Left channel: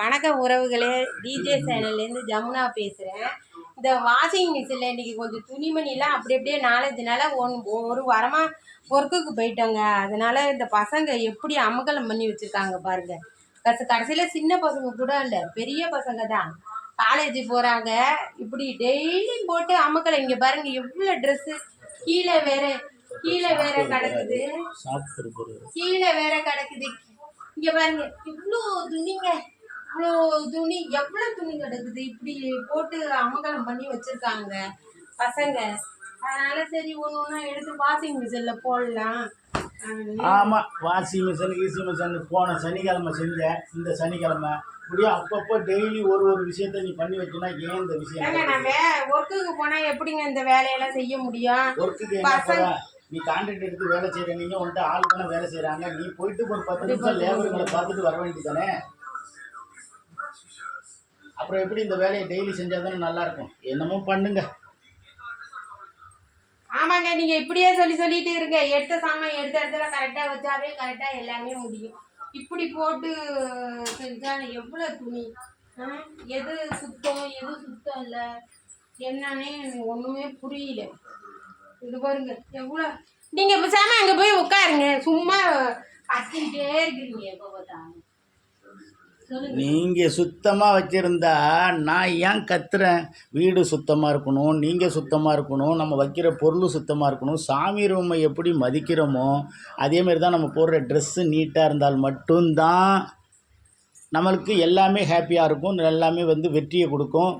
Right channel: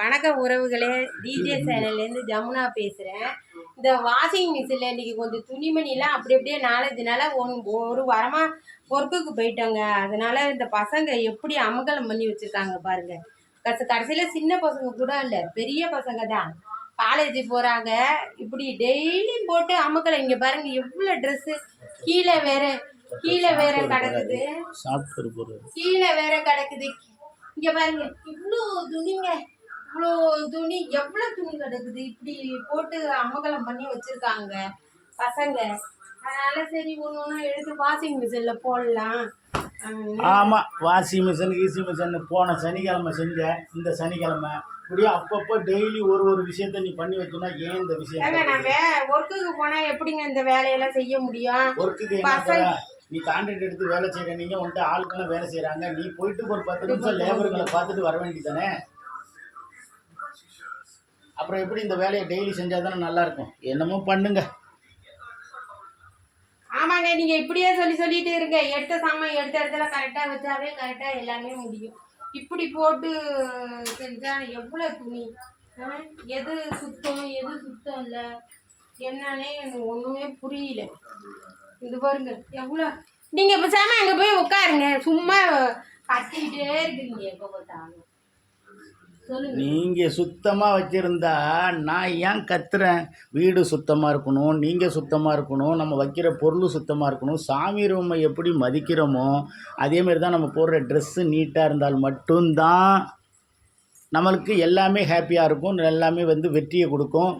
வணக்கம் உறவுகளே டிஜே சேனல்லேருந்து ஜமுனா பேசுகிறேன் இந்த வாஷிங் மிஷினில் இன்றைக்கி கொஞ்சம் துணிமணிலாம் அப்படி அப்படியே நாலஞ்சு நாளாக ஒன் ஒரு வாரமாக ஒர்க்குக்கு போயிட்டோங்க. அதனால் இந்த பசங்க எப்படி அமகலம் பண்ணி வச்சுருக்காங்க பாருங்க. கச கடைசியில் சின்ன பசங்க கூட இல்லை பெரிய பசங்க தான். காலேஜ் போகிறாங்க இப்படி டெய்லியும் போட்டு அமக்கலை இங்கே பாருங்க எவ்வளோ ட்ரெஸ்ஸு கீழே வேற கீழே வேற கிடக்குது. கீழே வேற கிடக்குது. இங்க பாருங்க இவ்வளோ துணிங்க. இவ்வளோ துணி எவ்வளோ துணி கிடக்குது? இப்படி போட்டு அமகலம் பண்ணி வச்சிருக்காங்க பசங்க. அதனால சரி ஒன்று ஒன்று எடுத்து வாஷிங் மிஷினில் போடலாம். ஆமாம் வாஷிங் மிஷின் கீசி மிஷின் போன சனிக்கிழமை செஞ்சேன் இந்த சனிக்கிழமை. இப்படியே அப்பப்போ டெய்லி ஒரு ஒரு விஷயத்த நீ பண்ணி வச்சோன்னா ஏன் இந்த ஏங்க விஷயம் நான் வே ஒர்க்குக்கு போனால் எப்படிங்க இந்த வேலையெல்லாம் செய்ய முடியும்? ஒர்க்குக்கு என்ன? நீ கான்ட்ராக்ட் எடுத்து வேலை செய்கிற நீங்க உன்ட்ட ஆள் தானே வேலை செய்கிறாங்க நீ போயிட்டு ஒரு பத்து நிமிஷம் லேபருங்களை பார்த்துட்டு வர வேண்டியதானே அப்புறம் எப்படி இந்த வேலையை டெய்லி செஞ்சால் தானே நல்லா இருக்கும் என்னமோ பண்ணுங்க. ஆமாங்க நீங்க இப்படியே சொல்லி சொல்லிட்டு இருங்க. எடுத்த சாமான் எடுத்த இடத்துல கரெக்டா வச்சாவே கரெக்டா எல்லாமே முடியும். இப்படி போட்டு செஞ்சா எவ்வளவு துணி? எது சுத்தம் எது சுத்தம் இல்லை? என்னன்னே எனக்கு ஒண்ணுமே புரியல. இது பாருங்க எவ்வளோ நீங்க பேசாமல் அங்க போய் உட்காருங்க. சும்மா கத்திக்கிட்டே இருக்கிறீங்க எப்போ பார்த்தாலும். நீங்கள் சுத்தமாக வச்சுருந்தா நான் ஏன் கத்துறேன்? வீடு சுத்தமாக இருக்கணும் நீங்கள் சுத்தமாக இருக்கணும் நம்ம வைக்கிற பொருள் சுத்தமாக இருக்கணும் சாமி ரூமை எப்படி மதிக்கிறோமோ அதேமாரி தான் நம்ம போடுற ட்ரெஸ்ஸு நீட்டாக இருந்தால் மட்டும்தான் நம்மளுக்கு எல்லாமே ஹாப்பியாக இருக்கும் எல்லாமே வந்து வெற்றியை கொடுக்கும்.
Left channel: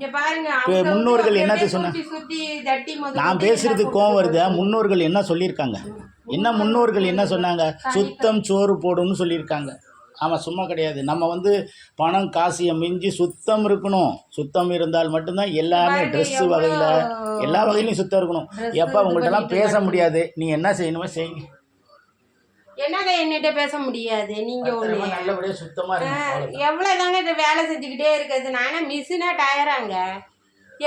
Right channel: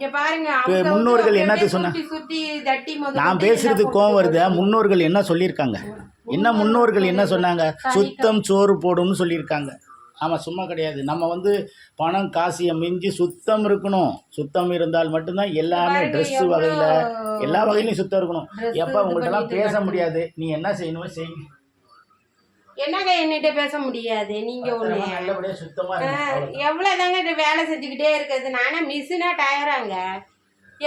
முன்னோர்கள் அப்படியே என்னத்த சொன்னா- சுத்தி சுத்தி தட்டி முதல்ல நான் பேசுறது கோவம் வருது. முன்னோர்கள் என்ன சொல்லியிருக்காங்க? என்ன முன்னோர்கள் என்ன சொன்னாங்க? சுத்தம் சோறு போடும்னு சொல்லியிருக்காங்க. ஆமாம் சும்மா கிடையாது. நம்ம வந்து பணம் காசியை மிஞ்சி சுத்தம் இருக்கணும். சுத்தம் இருந்தால் மட்டும்தான் எல்லாமே ட்ரெஸ்ஸு வகையில் எல்லா வகையிலையும் சுத்தம் இருக்கணும். எப்போ உங்கள்கிட்டலாம் பேச முடியாது? நீ என்ன செய்யணுமோ செய்யுங்க என்னங்க என்னகிட்ட பேச முடியாது? நீங்க ஒண்ணு. எவ்வளோதாங்க இந்த வேலை செஞ்சுக்கிட்டே இருக்கிறது? நானே மிஷினா டயராங்க.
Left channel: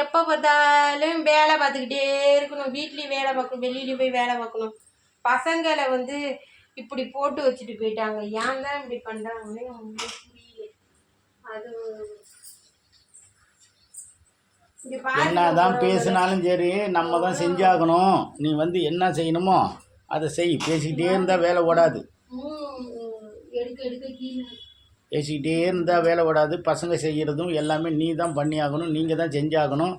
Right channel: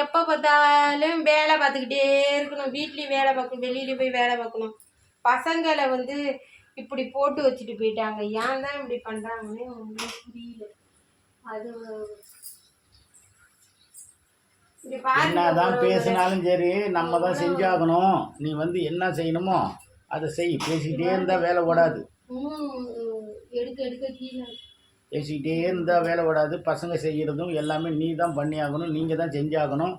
எப்போ பார்த்தாலும் வேலை பார்த்துக்கிட்டே இருக்கணும். வீட்லேயும் வேலை பார்க்கணும் வெளியில போய் வேலை பார்க்கணும். பசங்களை வந்து இப்படி போட்டு வச்சுட்டு போயிட்டாங்க. ஏன் தான் இப்படி பண்ணுறாங்கன்னு ஒன்றும் புரியல. அது என்னதான் பேசினாலும் சரி நம்ம தான் செஞ்சாகணும். நீ வந்து என்ன செய்யணுமோ அதை செய். பேசிக்கிட்டே இருந்தால் வேலை ஓடாது. ம், எடுக்க எடுக்க கீழே. பேசிக்கிட்டே இருந்தால் வேலை ஓடாது. பசங்க செய்கிறதும் எல்லாமே நீ தான் பண்ணியாகணும். நீங்கள் தான் செஞ்சாகணும்.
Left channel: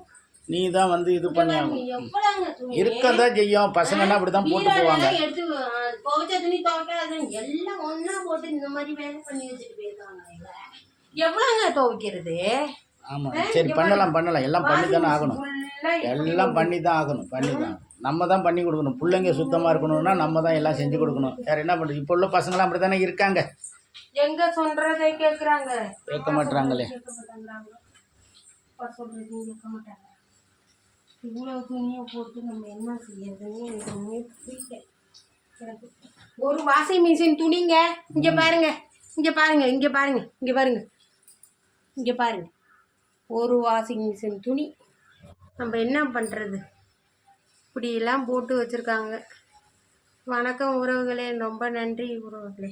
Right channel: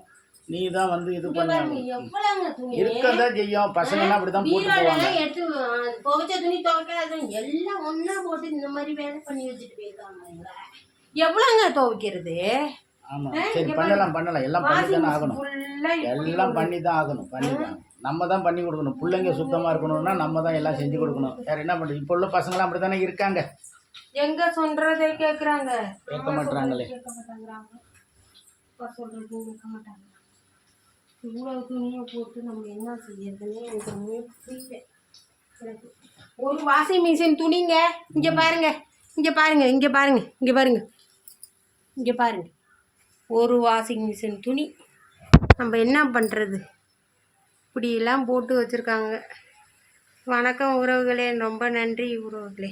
நீ தான் வந்து இது துணி? இருக்கதான் செய்யும் பசங்கள்லாம் அப்படி தான் போட்டு போவாங்க. எடுத்து துவைச்ச துணி துவைக்காத எல்லாம் ஒண்ணா போட்டு இந்த மாதிரி வேலை பண்ணி வச்சுட்டு போயிருக்காங்க இவங்க. எவ்வளவுங்க துவைக்கிறது? ஆமாம் சரி பண்ணலாம் பண்ணலாம். எல்லாம் பண்ணி தானே ஆகணும். எல்லாம் பண்ணி தான் ஆகணும் பண்ணி தான். நம்ம தான் பண்ணி கொடுக்கணும். பிள்ளைங்க சுத்தமாக இருக்கணும்னா நம்ம தான் எல்லாம் செஞ்சு கொடுக்கணும். வேறு என்ன பண்ணுறது இப்போ உள்ள பசங்களாம் அப்படி தானே இருக்காங்க? எங்க சொல்றதை கேக்குறாங்க. கேட்க சொல்றதையும் கேட்க மாட்டாங்க. இவ்வளவு துணியை போட்டு நம்ம என்ன செய்யறதுன்னு எனக்கு ஒண்ணுமே புரியல. எனக்கு ஒரு வாஷிங் மிஷின் துணிங்க இங்க பாருங்க இங்க பாருங்க இங்க பாருங்க இங்க பாருங்க. இங்க பாருங்க. ஒரு வாஷிங் மிஷின் துணி. நம்ம என்ன பண்ணுறது இப்படியெல்லாம் போட்டு வச்சுருக்காங்க. வணக்கம் உறவுகளே ரொம்ப நன்றி உறவுகளே.